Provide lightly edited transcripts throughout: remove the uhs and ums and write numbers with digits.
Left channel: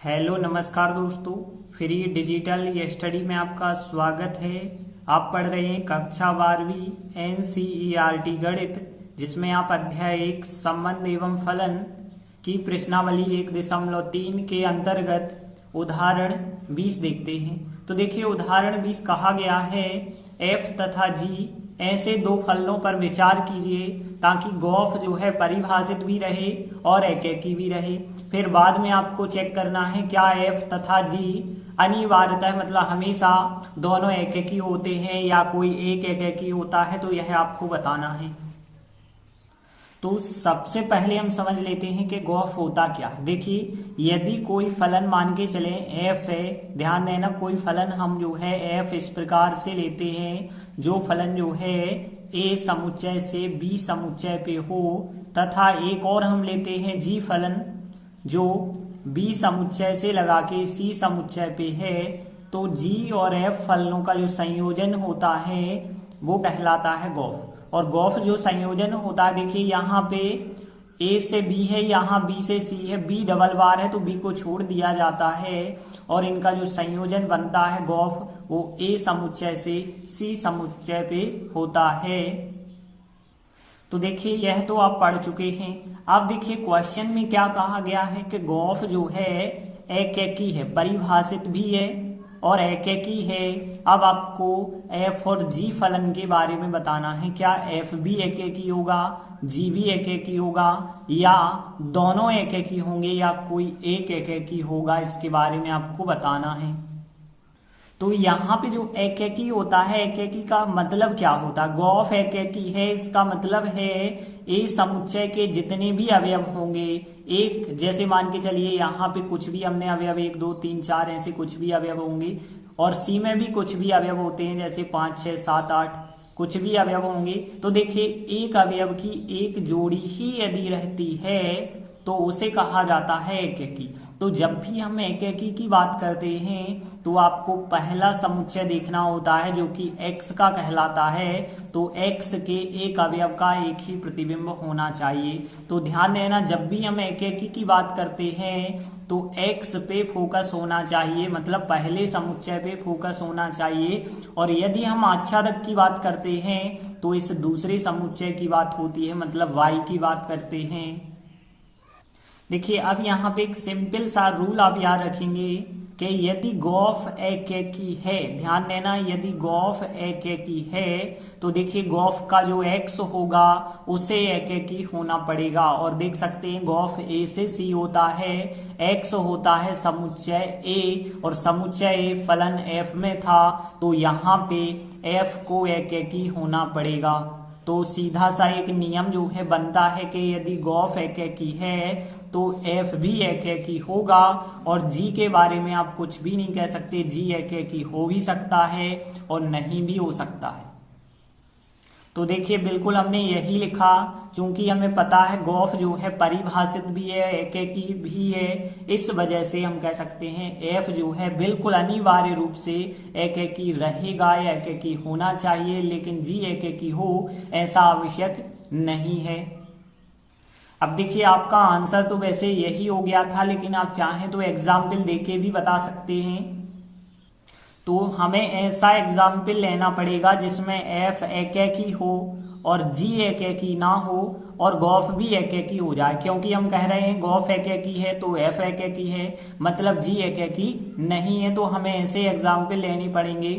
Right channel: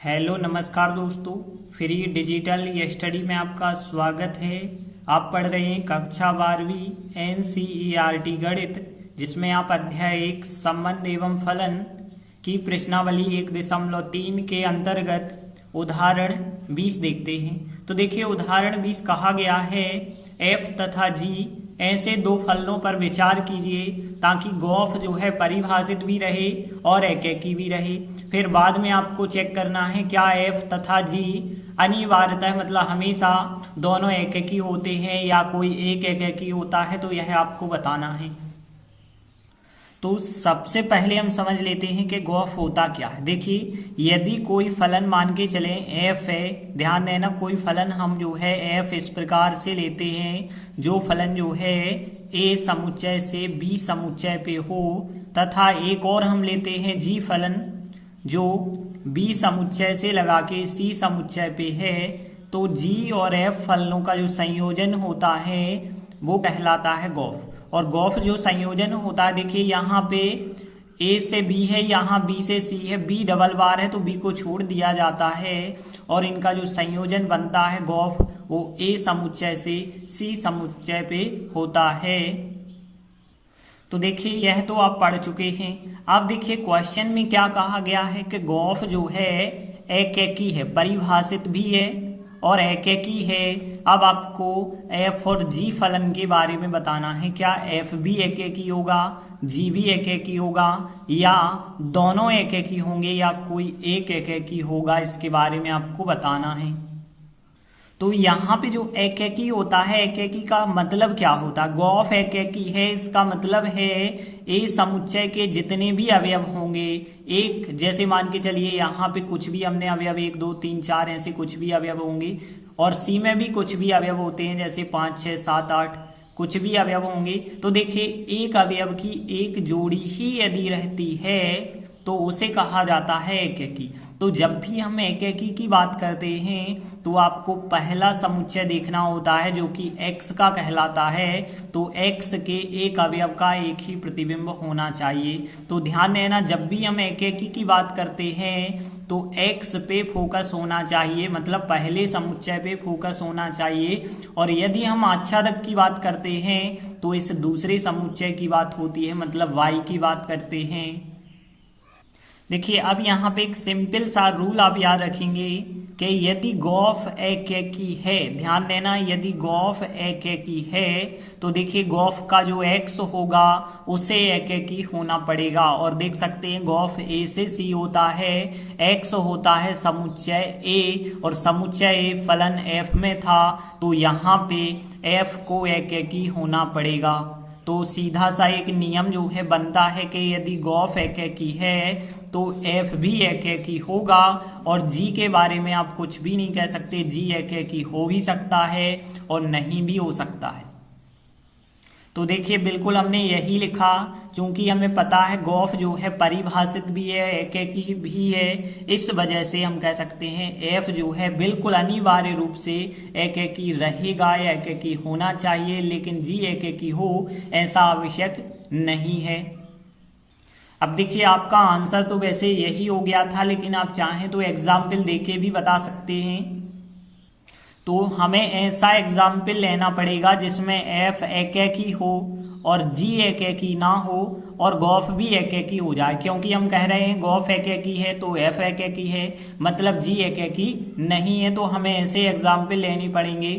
Hello नमस्कार दोस्तों, free digital study में आपका स्वागत है। आप पढ़ रहे हैं कक्षा 12वीं NCERT गणित, जिसमें आप अध्याय 1 संबंध एवं फलन की प्रश्नावली 1.3 के अंतर्गत उदाहरण 20 देखते हैं। तो देखिए, उदाहरण 20 कहा गया है f तथा g ऐसे दो फलनों पर विचार कीजिए ताकि गॉफ जो है परिभाषित भी रहे और एकेकी भी रहे। फिर बाद में आपको चेक करना है क्या f तथा g अनिवार्यतः मतलब हमेशा दोनों एकेकी होते हैं या कोई एक एकेकी होता है, तो यह आपको बताना है। तो सबसे पहले हम समझ लेते हैं कि गॉफ होता क्या है। देखिए, यदि कोई फलन मान के चले f है, ध्यान देना कोई फलन हम जो है f इस प्रकार से लेते हैं, जो फलन जो है a समुच्चय से b समुच्चय पे हो, तथा एक और हम लेते हैं g फलन जो b समुच्चय से लगा के c समुच्चय पे है। तो g और f फलनों का जो संयोजन होता है वो कहलाता है गॉफ। और गॉफ जो संयोजन होता है, देखिए यहाँ पे a से b है, यहाँ b से c है, b डबल बार है तो b को छोड़ दिया जाता है और इनका जो संयोजन बनता है गॉफ वो a समुच्चय से c समुच्चय पे होता है। तो देखिए, यह तो आप पढ़ चुके हैं। अब देखिए क्वेश्चन में क्या कहा गया है कि गॉफ जो है एकेकी है, परिभाषित भी है और एकेकी है। अब आपको f और g फलन के बारे में बताना है, क्या f भी एकेकी होगा, g भी एकेकी होगा, या दोनों एकेकी होंगे या कोई एक एकेकी होगा, इसके बारे में आपको बताना है। तो यहाँ पे जो एकेकी होता है, एकेकी का मतलब क्या होता है? गॉफ एकेकी है, इसका मतलब है ए समुच्चय के जितने भी अवयव होंगे, एक जैसे मान के चलिए यहाँ पे कुछ भी हमने अवयव 1 2 3 4 ऐसे कुछ भी अवयव होंगे, और सी में भी कुछ भी अवयव होते हैं जैसे 5 6 7 8 कुछ भी अवयव होंगे। तो देखिए, एक अवयव की एक जोड़ी ही यदि रहती है तो उसे कहा जाता है एकेकी। तो जब भी हम एकेकी की बात करते हैं तो आपको पहला समुच्चय देखना होता है जो कि x का कहलाता है। तो x के एक अवयव का एक ही प्रतिबिंब होना चाहिए। तो ध्यान देना, जब भी हम एकेकी की बात करते हैं तो x पे फोकस होना चाहिए, मतलब पहले समुच्चय पे फोकस होना चाहिए। और यदि हम आच्छादक की बात करते हैं तो इस दूसरे समुच्चय की बात होती है, मतलब y की बात करते हैं। देखिए, अब यहाँ पे एक सिंपल सा रूल आप याद रखेंगे कि यदि गॉफ एकेकी है, ध्यान देना, यदि गॉफ एकेकी है तो देखिए गॉफ का जो x होगा उसे एकेकी होना पड़ेगा। और देख सकते हैं गॉफ a से c होता है, x होता है समुच्चय a, और समुच्चय a फलन f में था, तो यहाँ पे f को एकेकी होना पड़ेगा। तो सीधा सा एक नियम जो है बनता है कि यदि गॉफ एकेकी है तो f भी एकेकी होगा। और g के बारे में आप कुछ भी नहीं कह सकते, g एकेकी हो भी सकता है और नहीं भी हो सकता है। तो देखिए, बिल्कुल हमने यही लिखा, क्योंकि हमें पता है गॉफ जो है परिभाषित भी है, एकेकी भी है, इस वजह से हम कह सकते हैं f जो है बिल्कुल अनिवार्य रूप से एकेकी रहेगा या एकेकी होना चाहिए, लेकिन g एकेकी हो ऐसा आवश्यक नहीं है। अब देखिए, आपका आंसर तो वैसे यही हो गया था, लेकिन आप चाहें तो एग्जाम्पल देके भी बता सकते हैं। तो हमें ऐसा एग्जाम्पल लेना पड़ेगा जिसमें f एकेकी हो और g एकेकी ना हो और गॉफ भी एकेकी हो जाए, क्योंकि हम कह रहे हैं गॉफ एकेकी है तो f एकेकी है, मतलब g एकेकी नहीं है। तो हमें ऐसे एग्जाम्पल लेने पड़ेंगे।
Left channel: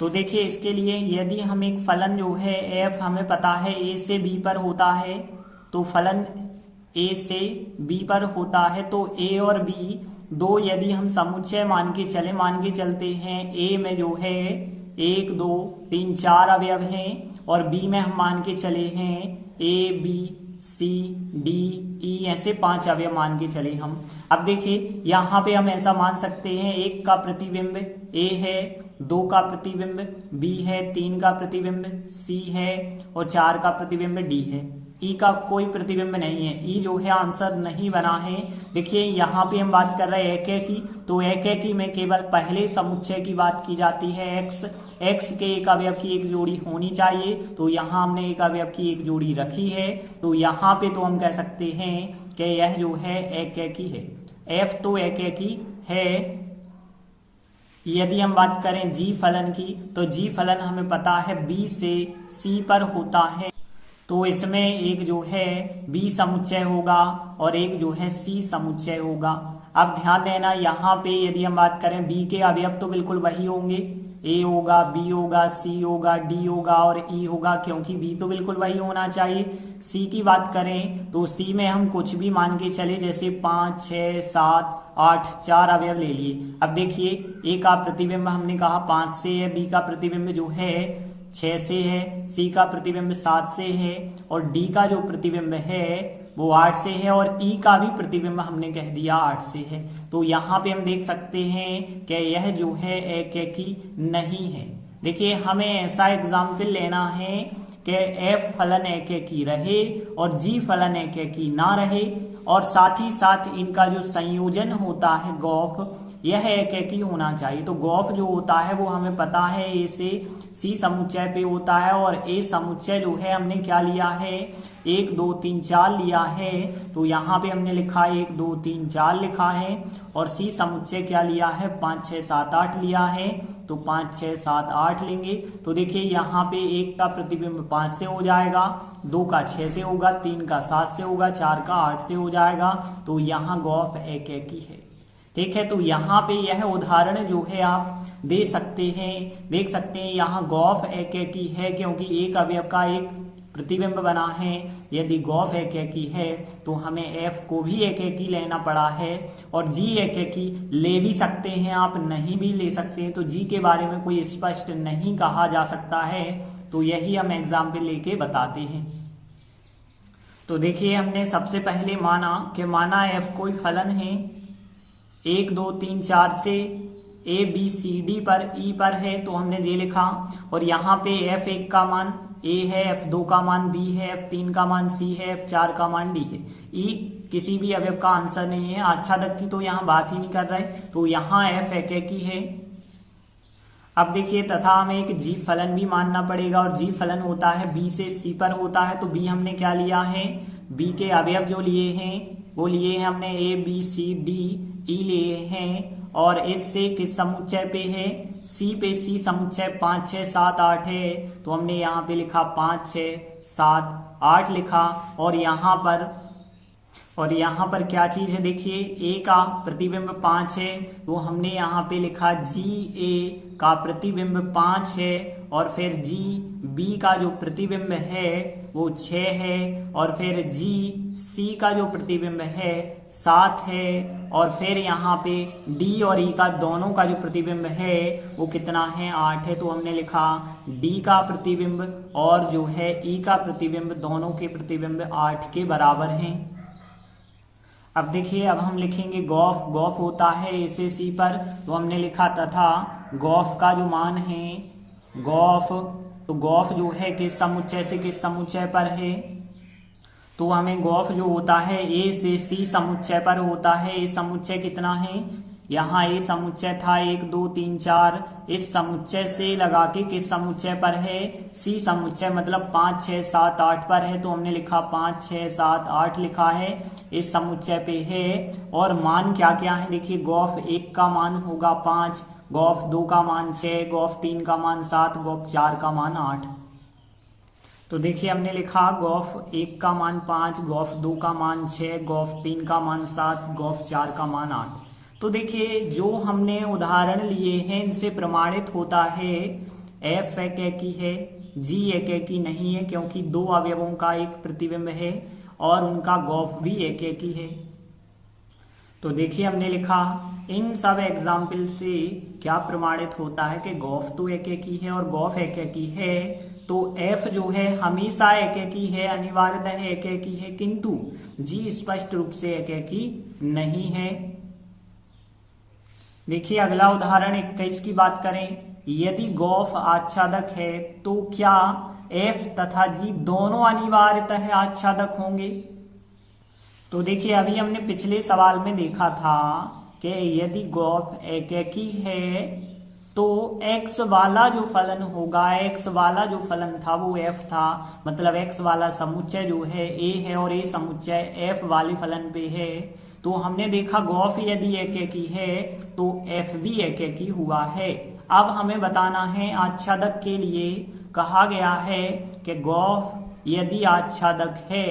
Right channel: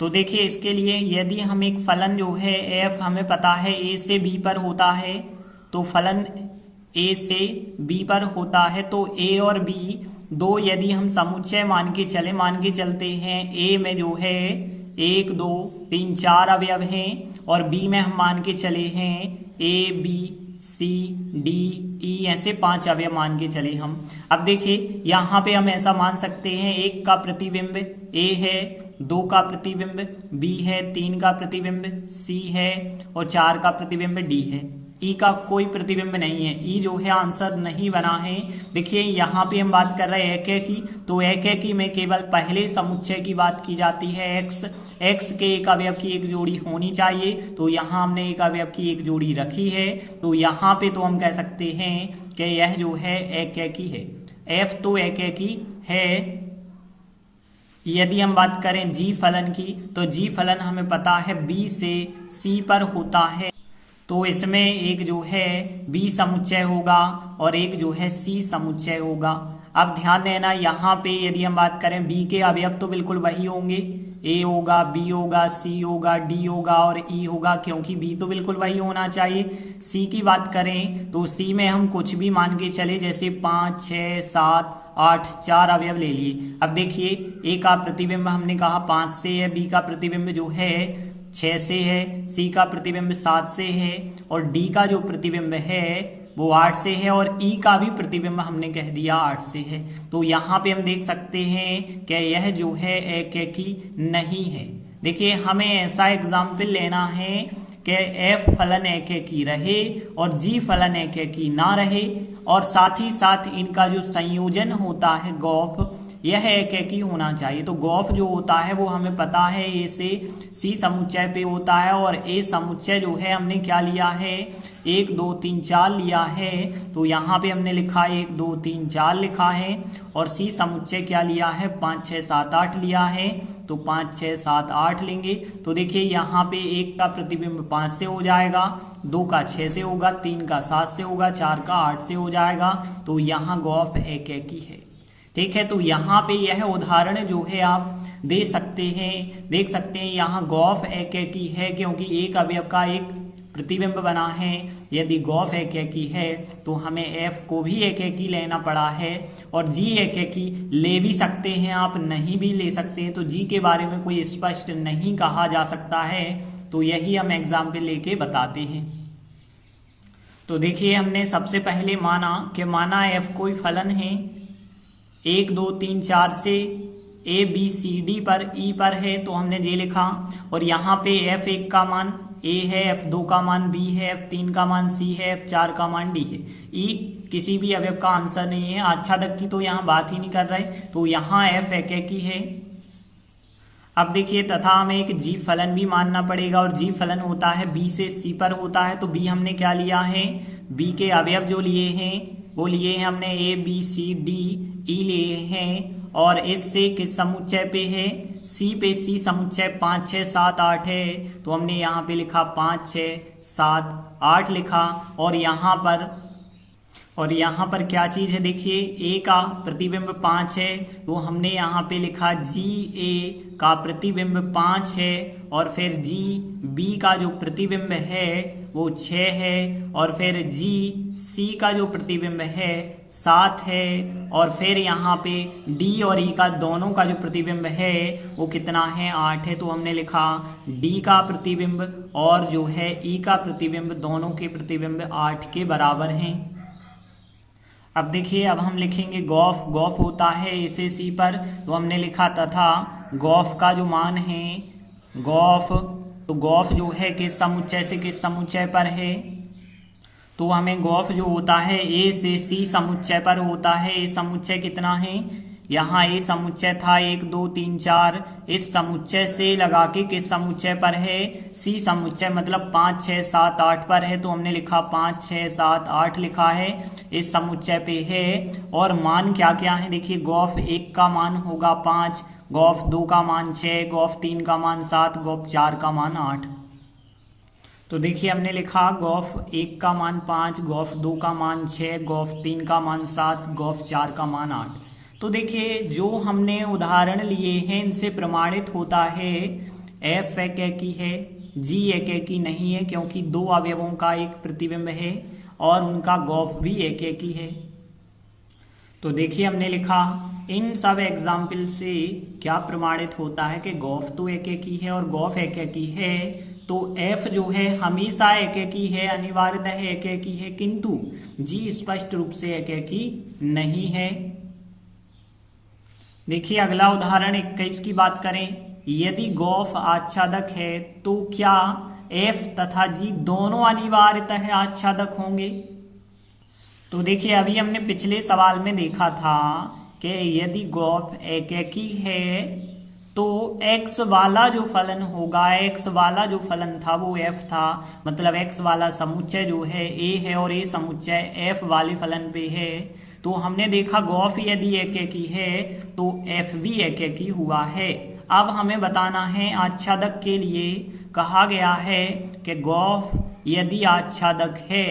तो देखिए, इसके लिए यदि हम एक फलन जो है f हमें पता है a से b पर होता है, तो फलन a से b पर होता है, तो a और b दो यदि हम समुच्चय मान के चलते हैं, a में जो है 1 2 3 4 अवयव हैं और b में हम मान के चले हैं a b c d e ऐसे 5 अवयव मान के चले हम। अब देखिए, यहाँ पे हम ऐसा मान सकते हैं 1 का प्रतिबिंब a है, 2 का प्रतिबिंब b है, 3 का प्रतिबिंब c है और 4 का प्रतिबिंब d है। ई का कोई प्रतिबिंब नहीं है, ई जो है आंसर नहीं बना है। देखिए, यहाँ पे हम बात कर रहे हैं एकेकी, तो एकेकी में केवल पहले समुच्चय की बात की जाती है x के एक अवयव की एक जोड़ी होनी चाहिए। तो यहाँ हमने एक अवयव की एक जोड़ी रखी है, तो यहाँ पे तो हम कह सकते हैं कि यह जो है एकेकी है। एफ तो एकेकी है। यदि हम बात करें जी फलन की, तो जी फलन हमें पता है बी से सी पर होता है, तो इसमें एक जो है बी समुच्चय होगा और एक जो है सी समुच्चय होगा। अब ध्यान देना, यहाँ पे यदि हम बात करें बी के अवयव तो बिल्कुल वही होंगे, ए होगा, बी होगा, सी होगा, डी होगा और ई होगा, क्योंकि बी तो बिल्कुल वही होना चाहिए। सी की बात करें तो सी में हम कुछ भी मान के चले, जैसे 5, 6, 7, 8 4 अवयव ले लिए। अब देखिए ए का प्रतिबिंब हमने कहा 5 से है, बी का प्रतिबिंब जो है 6 से है, सी का प्रतिबिंब 7 से है और डी का जो प्रतिबिंब है वो 8 से है और ई का भी प्रतिबिंब हमने कह दिया 8 से है। तो यहाँ पे हम देख सकते हैं कि यह जो है एकेकी नहीं है। देखिए हमें ऐसा एग्जाम्पल लेना है कि एफ फलन एकेकी रहे और जी फलन एकेकी ना रहे और साथ ही साथ इनका जो संयोजन होता है गौफ, यह एकेकी होना चाहिए। तो गौफ जो होता है वो हमें पता है ए से सी समुच्चय पे होता है और ए समुच्चय जो है हमने क्या लिया है 1 2 3 4 लिया है। तो यहाँ पे हमने लिखा 1 2 3 4 लिखा है और सी समुच्चय क्या लिया है 5 6 7 8 लिया है। तो 5 6 7 8 लेंगे तो देखिए यहाँ पे 1 का प्रतिबिंब 5 से हो जाएगा, 2 का 6 से होगा, 3 का 7 से होगा, 4 का 8 से हो जाएगा। तो यहाँ गौफ एकेकी है। ठीक है, तो यहाँ पे यह उदाहरण जो है आप दे सकते हैं, देख सकते हैं यहाँ गौफ एकेकी है क्योंकि एक अवयव का एक प्रतिबिंब बना है। यदि गौफ एकेकी है तो हमें एफ को भी एकेकी लेना पड़ा है और जी एकेकी ले भी सकते हैं, आप नहीं भी ले सकते हैं। तो जी के बारे में कोई स्पष्ट नहीं कहा जा सकता है, तो यही हम एग्जाम्पल लेके बताते हैं। तो देखिए हमने सबसे पहले माना एफ कोई फलन है 1 2 3 4 से ए बी सी डी पर ई पर है, तो हमने ये लिखा और यहाँ पे F1 का मान ए है, F2 का मान बी है, F3 का मान सी है, F4 का मान डी है। ई किसी भी अवयव का आंसर नहीं है, आच्छादक की तो यहाँ बात ही नहीं कर रहे, तो यहाँ F एकेकी है। अब देखिए तथा हमें एक जी फलन भी मानना पड़ेगा और जी फलन होता है बी से सी पर होता है। तो बी हमने क्या लिया है, बी के अवयव जो लिए हैं वो लिए हैं हमने A B C D E लिए हैं और इस से किस समुच्चय पे है, सी पे। सी समुच्चय 5 6 7 8 है, तो हमने यहाँ पे लिखा 5 6 7 8 लिखा और यहाँ पर क्या चीज है, देखिए ए का प्रतिबिंब 5 है, तो हमने यहाँ पे लिखा जी ए का प्रतिबिंब 5 है और फिर जी बी का जो प्रतिबिंब है वो 6 है और फिर जी सी का जो प्रतिबिंब है 7 है और फिर यहाँ पे डी और ई का दोनों का जो प्रतिबिंब है वो कितना है 8 है। तो हमने लिखा डी का प्रतिबिंब और जो है ई का प्रतिबिंब दोनों के प्रतिबिंब 8 के बराबर हैं। अब देखिए अब हम लिखेंगे गौफ। गौफ होता है ए से सी पर, तो हमने लिखा तथा गौफ का जो मान है गौफ, तो गौफ जो है किस समुच्चय से किस समुच्चय पर है, तो हमें गौफ जो होता है ए से सी समुच्चय पर होता है। ए समुच्चय कितना है, यहाँ ए समुच्चय था 1 2 3 4, इस समुच्चय से लगा के किस समुच्चय पर है, सी समुच्चय मतलब 5 6 7 8 पर है। तो हमने लिखा 5 6 7 8 लिखा है, इस समुच्चय पे है। और मान क्या क्या है, देखिए गौफ 1 का मान होगा 5, गौफ 2 का मान 6, गौफ 3 का मान 7, गौफ 4 का मान 8। तो देखिए हमने लिखा गौफ 1 का मान 5, गौफ 2 का मान 6, गौफ 3 का मान 7, गौफ 4 का मान 8। तो देखिए जो हमने उदाहरण लिए हैं इनसे प्रमाणित होता है एफ एकेकी है, जी एकेकी नहीं है क्योंकि 2 अवयवों का एक प्रतिबिंब है और उनका गौफ भी एकेकी है। तो देखिए हमने लिखा इन सब एग्जाम्पल से क्या प्रमाणित होता है कि गौफ तो एकेकी है और गौफ एकेकी है तो एफ जो है हमेशा एकेकी है, अनिवार्यतः एकेकी है, किंतु जी स्पष्ट रूप से एकेकी नहीं है। देखिए अगला उदाहरण 21 की बात करें, यदि गौफ आच्छादक है तो क्या एफ तथा जी दोनों अनिवार्यतः आच्छादक होंगे। तो देखिए अभी हमने पिछले सवाल में देखा था कि यदि गौफ एकेकी है तो x वाला जो फलन होगा, x वाला जो फलन था वो f था, मतलब x वाला समुच्चय जो है a है और a समुच्चय f वाले फलन पे है। तो हमने देखा गॉफ यदि एकेकी है तो एफ भी एकेकी हुआ है। अब हमें बताना है आच्छादक के लिए कहा गया है कि गॉफ यदि आच्छादक है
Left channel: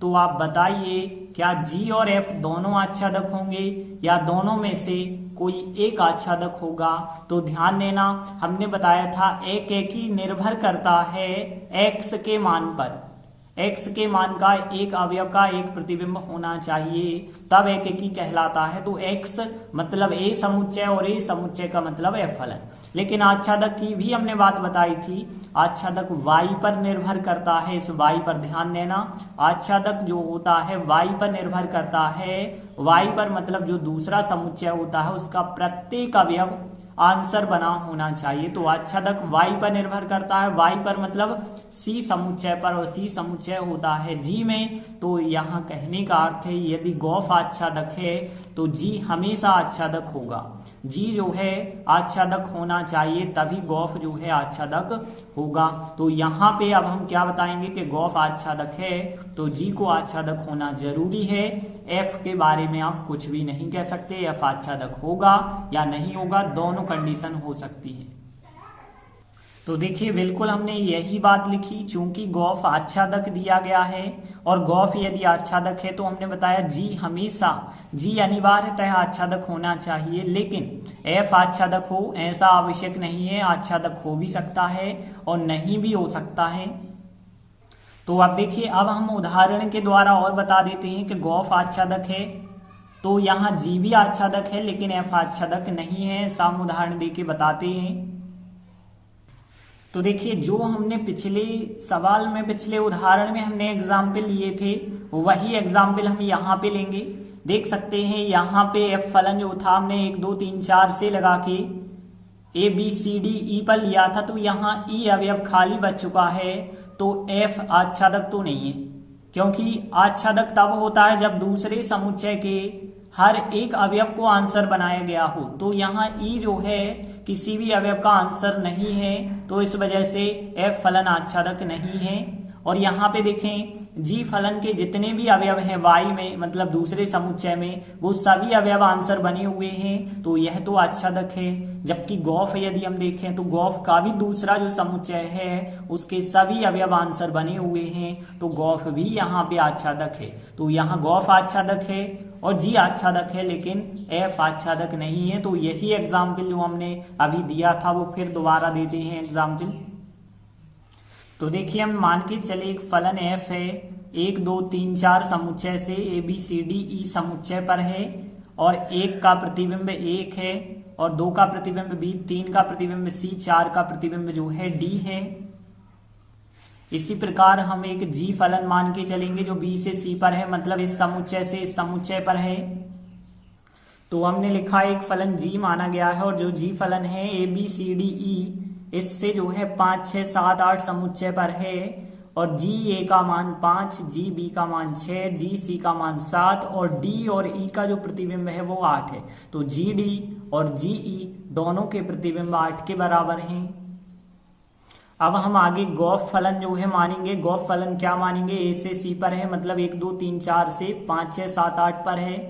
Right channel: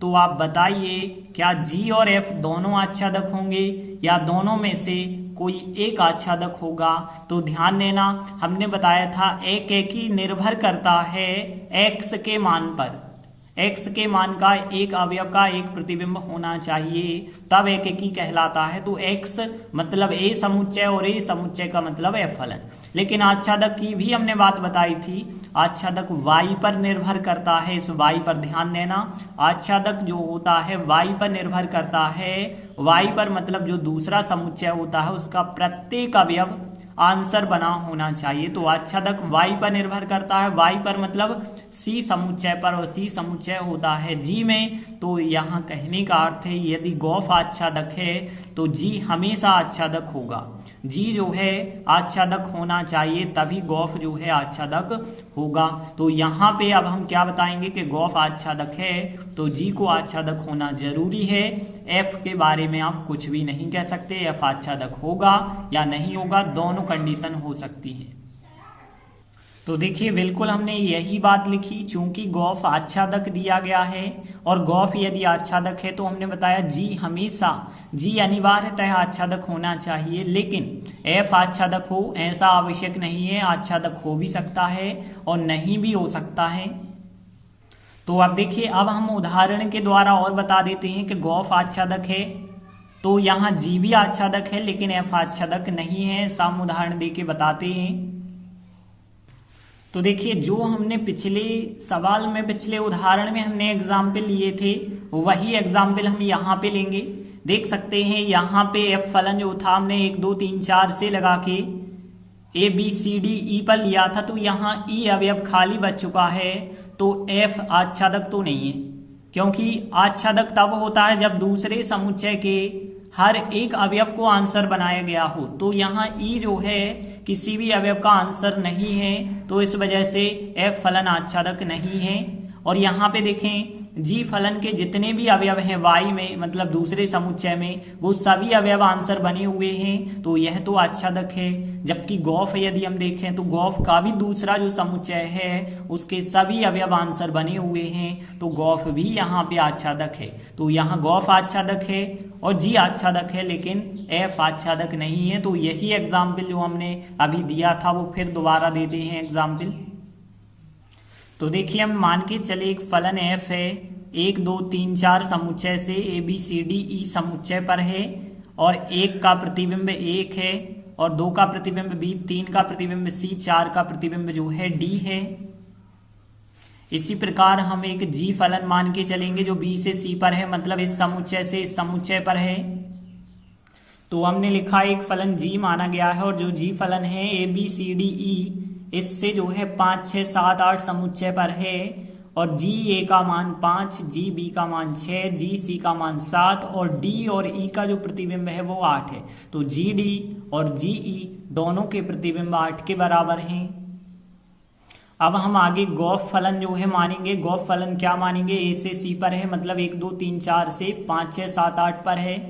तो आप बताइए क्या जी और एफ दोनों आच्छादक होंगे या दोनों में से कोई एक आच्छादक होगा। तो ध्यान देना, हमने बताया था एकेकी निर्भर करता है एक्स के मान पर। एक्स के मान का एक अवयव का एक प्रतिबिंब होना चाहिए, तब एकेकी कहलाता है। तो एक्स मतलब ए समुच्चय और ए समुच्चय का मतलब एफ फलन। लेकिन आच्छादक की भी हमने बात बताई थी, आच्छादक वाई पर निर्भर करता है। इस वाई पर ध्यान देना, आच्छादक जो होता है वाई पर निर्भर करता है। वाई पर मतलब जो दूसरा समुच्चय होता है उसका प्रत्येक अवयव आंसर बना होना चाहिए। तो आच्छादक वाई पर निर्भर करता है, वाई पर मतलब सी समुच्चय पर, और सी समुच्चय होता है जी में। तो यहाँ कहने का अर्थ है यदि गॉफ आच्छादक है तो जी हमेशा आच्छादक होगा। जी जो है आच्छादक होना चाहिए, तभी गॉफ जो है आच्छादक होगा। तो यहाँ पे अब हम क्या बताएंगे कि गॉफ आच्छादक है तो जी को आच्छादक होना जरूरी है। एफ के बारे में आप कुछ भी नहीं कह सकते, एफ आच्छादक होगा या नहीं होगा, दोनों कंडीशन हो सकती है। तो देखिए बिल्कुल हमने यही बात लिखी, चूंकि गॉफ आच्छादक दिया गया है और गॉफ यदि आच्छादक है तो हमने बताया जी हमेशा, जी अनिवार्यतः आच्छादक होना चाहिए। लेकिन एफ आच्छादक हो ऐसा आवश्यक नहीं है, आच्छादक हो भी सकता है और नहीं भी हो सकता है। तो अब देखिए, अब हम उदाहरण के द्वारा और बता देते हैं कि गॉफ आच्छादक है तो यहाँ जी भी आच्छादक है लेकिन एफ आच्छादक नहीं है। हम उदाहरण देके बताते हैं। तो देखिए, जो हमने पिछले सवाल में, पिछले उदाहरण में हमने एग्जाम्पल लिए थे वही एग्जाम्पल हम यहाँ पे लेंगे। देख सकते हैं यहाँ पे एफ फलन जो था हमने 1 2 3 4 से लगा के A B C D E पर लिया था, तो यहाँ ई अवयव खाली बच चुका है। तो एफ आच्छादक तो नहीं है, क्योंकि आच्छादक तब होता है जब दूसरे समुच्चय के हर एक अवयव को आंसर बनाया गया हो। तो यहाँ ई जो है किसी भी अवयव का आंसर नहीं है, तो इस वजह से एफ फलन आच्छादक नहीं है। और यहाँ पे देखें, जी फलन के जितने भी अवयव हैं वाई में मतलब दूसरे समुच्चय में, वो सभी अवयव आंसर बने हुए हैं, तो यह तो आच्छादक है। जबकि गॉफ यदि हम देखें तो गॉफ का भी दूसरा जो समुच्चय है उसके सभी अवयव आंसर बने हुए हैं, तो गॉफ भी यहाँ पे आच्छादक है। तो यहाँ गॉफ आच्छादक है और जी आच्छादक है लेकिन एफ आच्छादक नहीं है। तो यही एग्जाम्पल जो हमने अभी दिया था वो फिर दोबारा देते हैं एग्जाम्पल। तो देखिए, हम मान के चले एक फलन एफ है 1 2 3 4 समुच्चय से A B C D E समुच्चय पर है, और 1 का प्रतिबिंब 1 है और 2 का प्रतिबिंब बी, 3 का प्रतिबिंब सी, 4 का प्रतिबिंब जो है डी है। इसी प्रकार हम एक जी फलन मान के चलेंगे जो बी से सी पर है, मतलब इस समुच्चय से इस समुच्चय पर है। तो हमने लिखा एक फलन जी माना गया है, और जो जी फलन है A B C D E इससे जो है 5 6 7 8 समुच्चय पर है, और जी ए का मान 5, जी बी का मान 6, जी सी का मान 7 और डी और ई का जो प्रतिबिंब है वो 8 है। तो जी डी और जी ई दोनों के प्रतिबिंब 8 के बराबर हैं। अब हम आगे गॉफ फलन जो है मानेंगे। गॉफ फलन क्या मानेंगे, ए से सी पर है मतलब 1 2 3 4 से 5 6 7 8 पर है।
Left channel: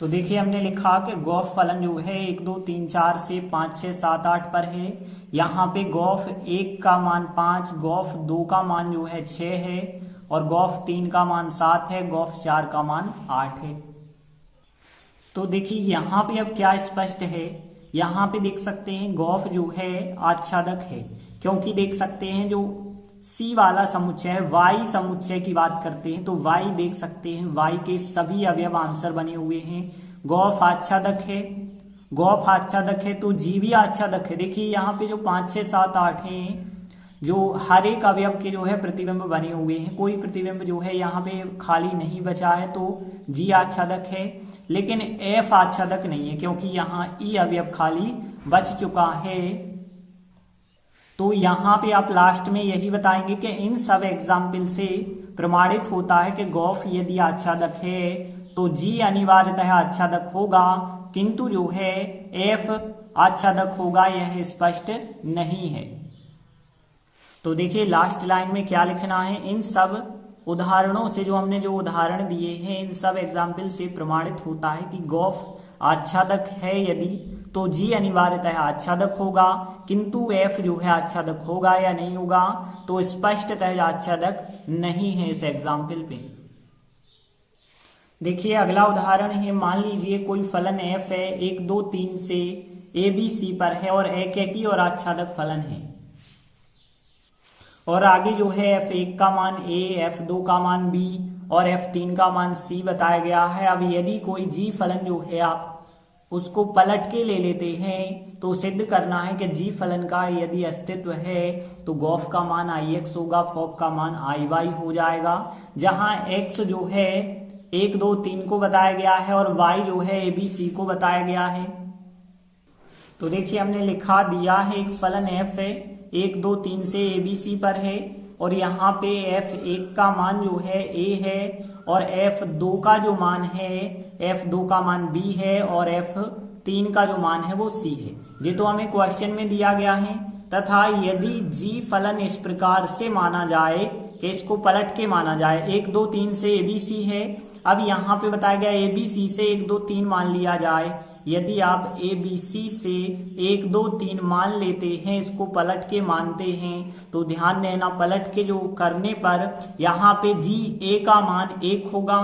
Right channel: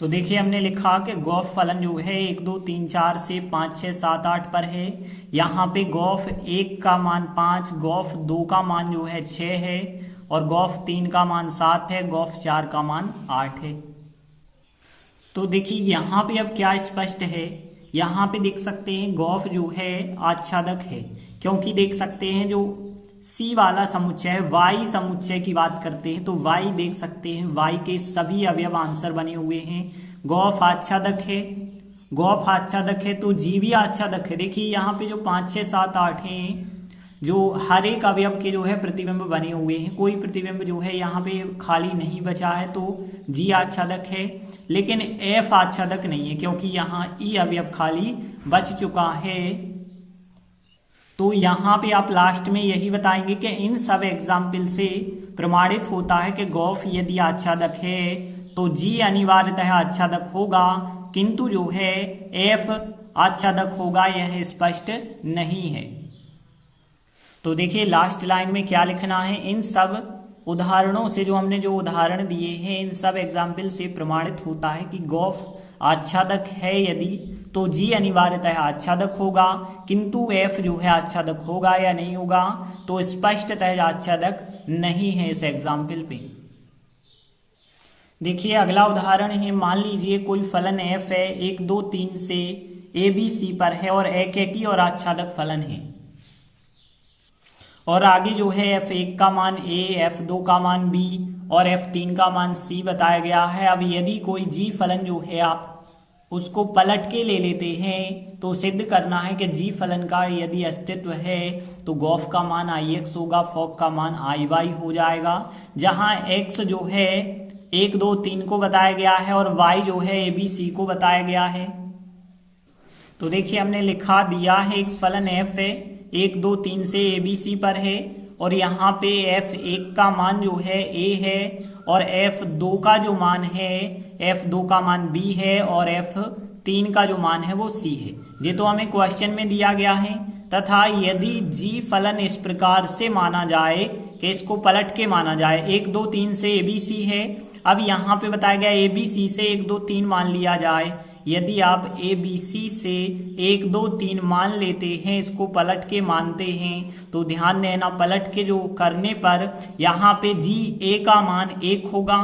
तो देखिए, हमने लिखा कि गॉफ फलन जो है 1 2 3 4 से 5 6 7 8 पर है। यहाँ पे गॉफ 1 का मान 5, गॉफ 2 का मान जो है 6 है, और गॉफ 3 का मान 7 है, गॉफ 4 का मान 8 है। तो देखिए यहाँ पे अब क्या स्पष्ट है, यहाँ पे देख सकते हैं गॉफ जो है आच्छादक है, क्योंकि देख सकते हैं जो सी वाला समुच्चय वाई समुच्चय की बात करते हैं तो वाई देख सकते हैं वाई के सभी अवयव आंसर बने हुए हैं। गॉफ आच्छादक है, गॉफ आच्छादक है तो जी भी आच्छादक है। देखिए यहाँ पे जो 5 6 7 8 हैं, जो हर एक अवयव के जो है प्रतिबिंब बने हुए हैं, कोई प्रतिबिंब जो है यहाँ पे खाली नहीं बचा है, तो जी आच्छादक है। लेकिन एफ आच्छादक नहीं है क्योंकि यहाँ ई अवयव खाली बच चुका है। तो यहाँ पे आप लास्ट में यही बताएंगे कि इन सब एग्जाम्पल से प्रमाणित होता है कि गॉफ यदि आच्छादक है तो जी अनिवार्यतः आच्छादक होगा, किंतु जो है एफ आच्छादक होगा यह स्पष्ट नहीं है। तो देखिए लास्ट लाइन में क्या लिखना है, इन सब उदाहरणों से, जो हमने जो उदाहरण दिए हैं इन सब एग्जाम्पल से प्रमाणित होता है कि गौफ आच्छादक है यदि तो जी अनिवार्यतः आच्छादक होगा, किंतु एफ जो है आच्छादक होगा या नहीं होगा, तो स्पष्टतः आच्छादक नहीं है इस एग्जाम्पल पे। देखिए अगला उदाहरण है, मान लीजिए कोई फलन एफ है 1 2 3 से ए बी सी पर है और एकेकी और आच्छादक फलन है, और आगे जो है f1 का मान a, f2 का मान b और f3 का मान c बताया गया है। अब यदि कोई g फलन जो है आप उसको पलट के ले लेते हैं तो सिद्ध करना है कि g फलन का यदि अस्तित्व है तो गौफ का मान ix होगा, फॉग का मान iy हो जाएगा, जहां x जो है 1 2 3 को बताया गया है और y जो है a b c को बताया गया है। तो देखिए हमने लिखा दिया है एक फलन f है 1 2 3 से ए बी सी पर है, और यहाँ पे f1 का मान जो है a है और f2 का जो मान है f2 का मान b है और f3 का जो मान है वो c है। ये तो हमें क्वेश्चन में दिया गया है। तथा यदि g फलन इस प्रकार से माना जाए कि इसको पलट के माना जाए, 1 2 3 से ए बी सी है, अब यहाँ पे बताया गया ए बी सी से 1 2 3 मान लिया जाए। यदि आप ए बी सी से 1 2 3 मान लेते हैं, इसको पलट के मानते हैं, तो ध्यान देना पलट के जो करने पर यहाँ पे जी ए का मान 1 होगा,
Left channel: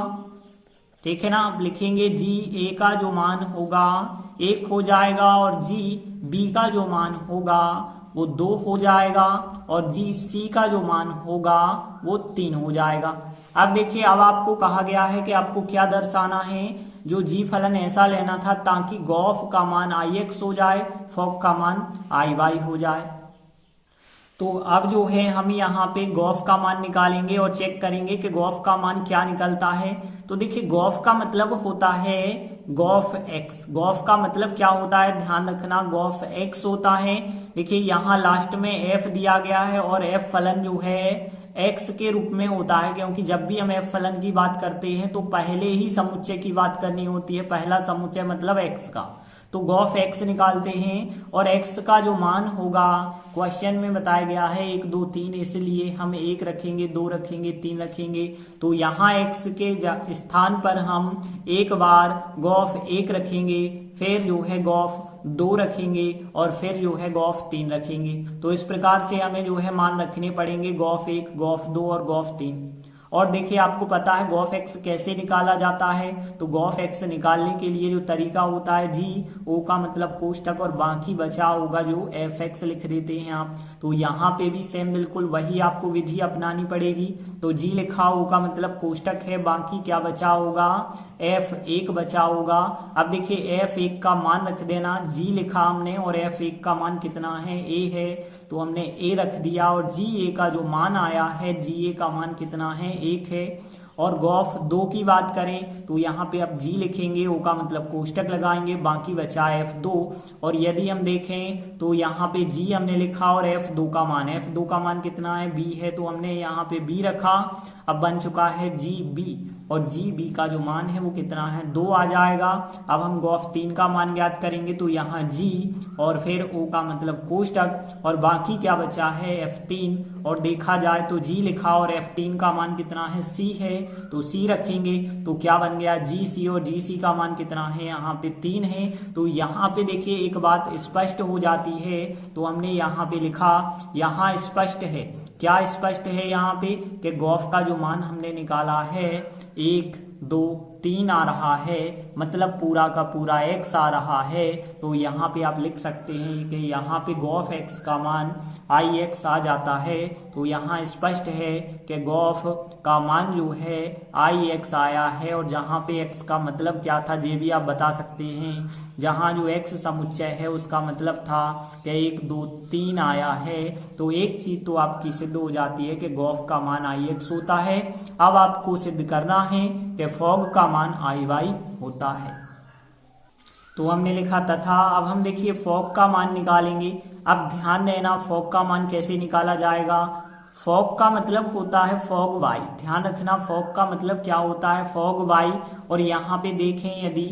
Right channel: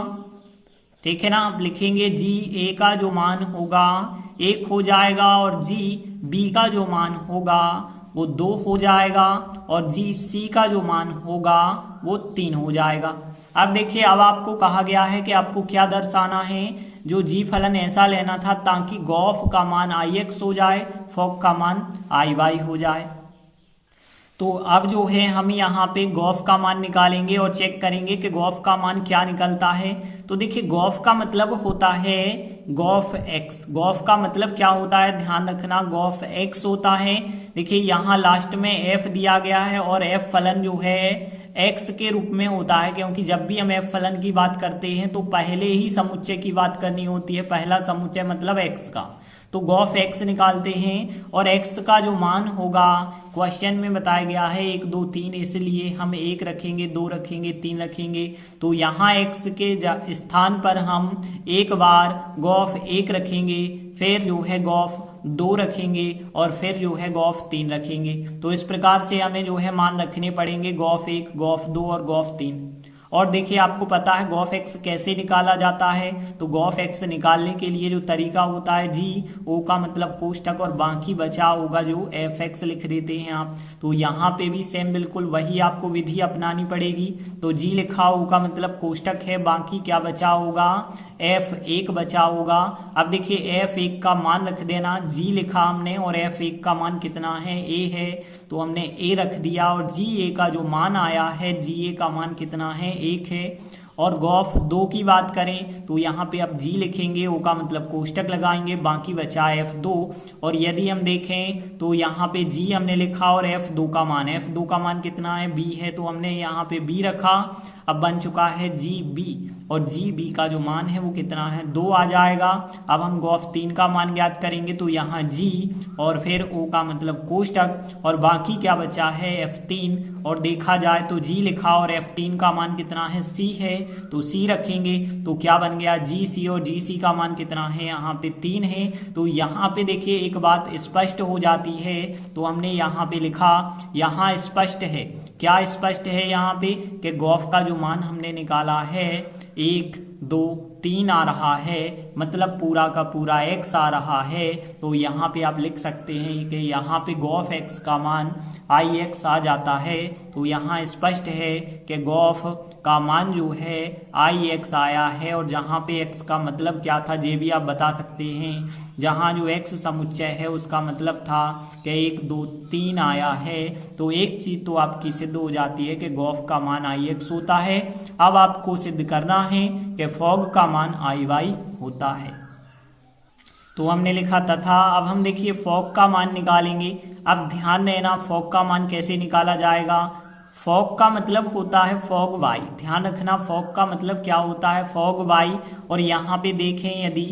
ठीक है ना। आप लिखेंगे जी ए का जो मान होगा 1 हो जाएगा और जी बी का जो मान होगा वो 2 हो जाएगा और जी सी का जो मान होगा वो 3 हो जाएगा। अब देखिए अब आपको कहा गया है कि आपको क्या दर्शाना है, जो जी फलन ऐसा लेना था ताकि गौफ का मान ix हो जाए, फॉग का मान iy हो जाए। तो अब जो है हम यहाँ पे गौफ का मान निकालेंगे और चेक करेंगे कि गौफ का मान क्या निकलता है। तो देखिए गौफ का मतलब होता है गौफ x। गौफ का मतलब क्या होता है, ध्यान रखना, गौफ x होता है। देखिए यहाँ लास्ट में f दिया गया है और f फलन जो है x के रूप में होता है, क्योंकि जब भी हम f फलन की बात करते हैं तो पहले ही समुच्चय की बात करनी होती है, पहला समुच्चय मतलब x का। तो गौफ x निकालते हैं और x का जो मान होगा क्वेश्चन में बताया गया है 1 2 3, इसलिए हम 1 रखेंगे, 2 रखेंगे, 3 रखेंगे। तो यहाँ x के स्थान पर हम एक बार गौफ 1 रखेंगे, फिर जो है गौफ 2 रखेंगे और फिर जो है गौफ 3 रखेंगे। तो इस प्रकार से हमें जो है मान रखने पड़ेंगे गौफ 1, गौफ 2 और गौफ 3। और देखिए आपको पता है गौफ x कैसे निकाला जाता है। तो गौफ x निकालने के लिए जो तरीका होता है, जी ओ का मतलब कोष्टक और बाकी बचा होगा जो fx लिख देते हैं आप। तो यहाँ पे भी सेम बिल्कुल वही आपको विधि अपनानी पड़ेगी। तो जी लिखा ओ का मतलब कोष्टक है, बाकी क्या बचा होगा, f1 बचा होगा। अब देखिए f1 का मान रख देना, जी लिखा हमने और f1 का मान कितना है, a है, तो हमने a रख दिया और ga का जो मान आया है, ga का मान कितना है, 1 है। और गौफ 2 की बात करें तो यहाँ पे अब जी लिखेंगे, ओ का मतलब कोष्टक लगाएंगे, बाकी बचा f2। और यदि हम देखें तो यहाँ पे जी हमने लिखा और f2 का मान कितना है, b है, तो हमने यहाँ पे b रखा। अब बन चुका है जी बी और जी बी का जो मान है वो कितना है, 2 आ जाएगा। अब हम गौफ 3 का मान ज्ञात करेंगे तो यहाँ जी और फिर ओ का मतलब कोष्टक और बाकी क्या बचा है, f3। और देखा जाए तो जी लिखा और f3 का मान कितना है, c है, तो c रखेंगे तो क्या बन गया, जी सी, और जी सी का मान कितना है, यहाँ पे 3 है। तो यहाँ पे देखिए एक बात स्पष्ट हो जाती है, तो हमने यहाँ पे लिखा, यहाँ स्पष्ट है, क्या स्पष्ट है यहाँ पे कि गौफ का जो मान हमने निकाला है 1 2 3 आ रहा है, मतलब पूरा का पूरा x आ रहा है। तो यहाँ पे आप लिख सकते हैं कि यहाँ पे गौफ x का मान ix आ जाता है। तो यहाँ स्पष्ट है कि गौफ का मान जो है ix आया है। और जहाँ पे x का मतलब क्या था ये भी आप बता सकते हैं, जहाँ जो x समुच्चय है उसका मतलब था कि 1 2 3 आया है। तो एक चीज तो आपकी सिद्ध हो जाती है कि गौफ का मान ix होता है। अब आपको सिद्ध करना है कि फॉग का मान iy होता है। तो हमने लिखा तथा, अब हम देखिए फॉग का मान निकालेंगे। अब ध्यान देना फॉग का मान कैसे निकाला जाएगा, फॉग का मतलब होता है फॉग y, ध्यान रखना फॉग का मतलब क्या होता है, फॉग y। और यहाँ पे देखें यदि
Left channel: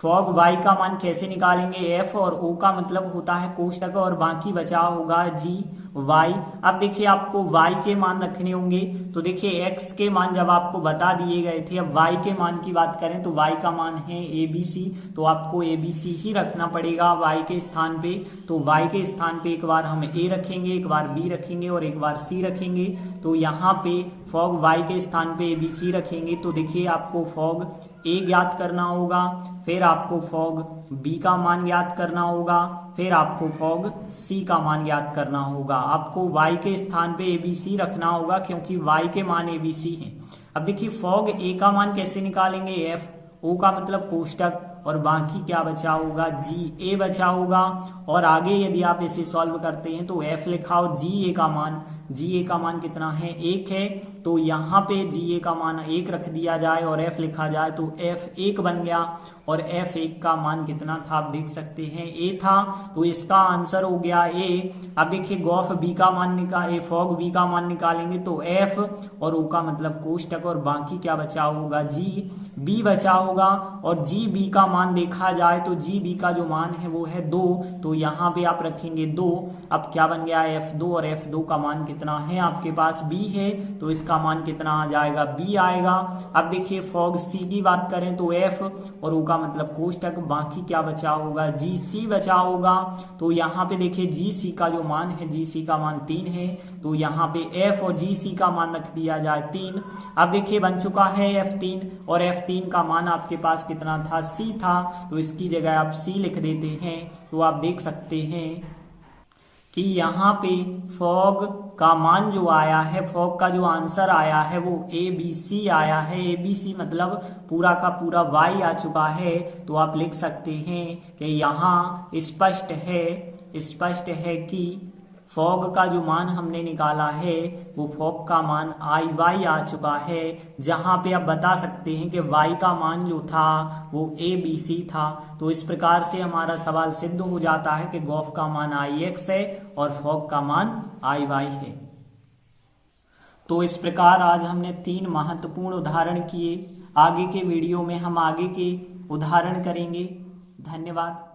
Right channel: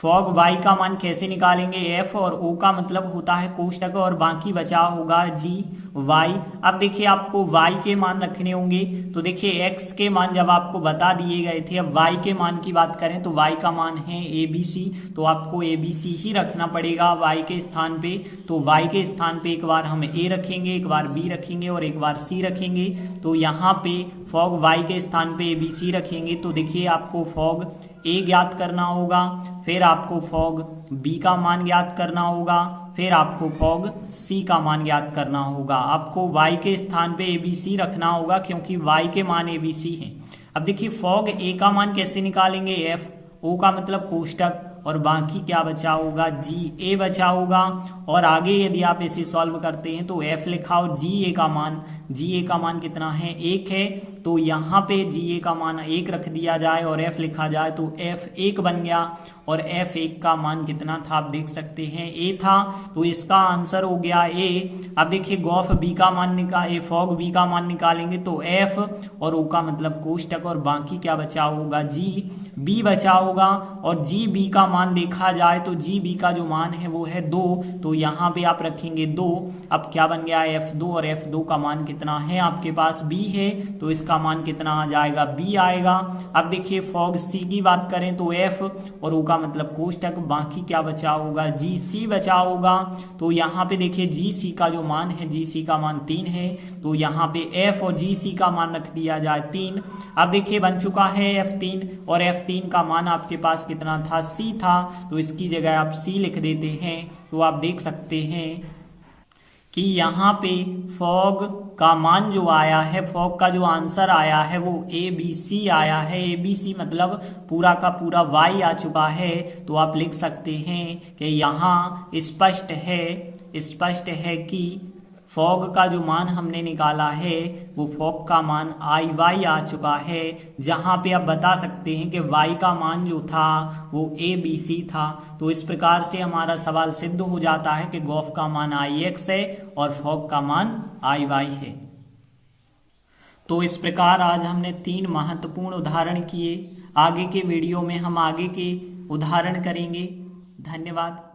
फॉग y का मान कैसे निकालेंगे, f और o का मतलब होता है कोष्टक और बाकी बचा होगा g y। अब देखिए आपको y के मान रखने होंगे, तो देखिए x के मान जब आपको बता दिए गए थे, अब y के मान की बात करें तो y का मान है abc, तो आपको abc ही रखना पड़ेगा y के स्थान पे। तो y के स्थान पे एक बार हम a रखेंगे, एक बार b रखेंगे और एक बार c रखेंगे। तो यहाँ पे फॉग y के स्थान पे abc रखेंगे, तो देखिए आपको फॉग a ज्ञात करना होगा, फिर आपको फॉग b का मान ज्ञात करना होगा, फिर आपको फॉग c का मान ज्ञात करना होगा। आपको y के स्थान पे abc रखना होगा क्योंकि y के मान abc हैं। अब देखिए फॉग a का मान कैसे निकालेंगे, f, o का मतलब कोष्टक, और बाकी क्या बचा होगा, जी ए बचा होगा। और आगे यदि आप इसे सॉल्व करते हैं तो f लिखा और जी ए का मान कितना है, 1 है। तो यहाँ पे जी ए का मान 1 रख दिया जाए और f लिखा जाए तो f 1 बन गया। और f 1 का मान कितना था आप देख सकते हैं, a था, तो इसका आंसर हो गया a। अब देखिए फॉग b का मान निकालेंगे तो f और o का मतलब कोष्टक, और बाकी क्या बचा होगा, जी b बचा होगा। और जी b का मान देखा जाए तो जी बी का जो मान है वो है 2, तो यहाँ पे आप रखेंगे 2। अब क्या बन गया f2, और f2 का मान कितना है आपके पास b है, तो इसका मान कितना आ जाएगा, b आएगा। अब देखिए फॉग c की बात करें तो f और o का मतलब कोष्टक, बाकी क्या बचा होगा, जी सी बचा होगा। तो यहाँ पे देखिए जी सी का जो मान है, जी सी का मान 3 है, तो यहाँ पे f और जी सी का मान रख दिया जाए 3। अब देखिए बन चुका है f3, और f3 का मान आपके पास कितना था, c था, तो इसकी जगह आप c लिख देते हैं। तो आप देख सकते हैं कि यहाँ पे फॉग का मान जो आया है, फॉग का जो आंसर आया है वो ABC आया है। ABC मतलब पूरा का पूरा y आ चुका है। तो आप लिख सकते हैं कि यहाँ स्पष्ट है कि फॉग का जो मान हमने निकाला है वो फॉग का मान IY आ चुका है, जहां पे आप बता सकते हैं कि y का मान जो था वो ABC था। तो इस प्रकार से हमारा सवाल सिद्ध हो जाता है कि गॉफ का मान IX है और फॉग का मान IY है। तो इस प्रकार आज हमने 3 महत्वपूर्ण उदाहरण किए। आगे के वीडियो में हम आगे के उदाहरण करेंगे। धन्यवाद।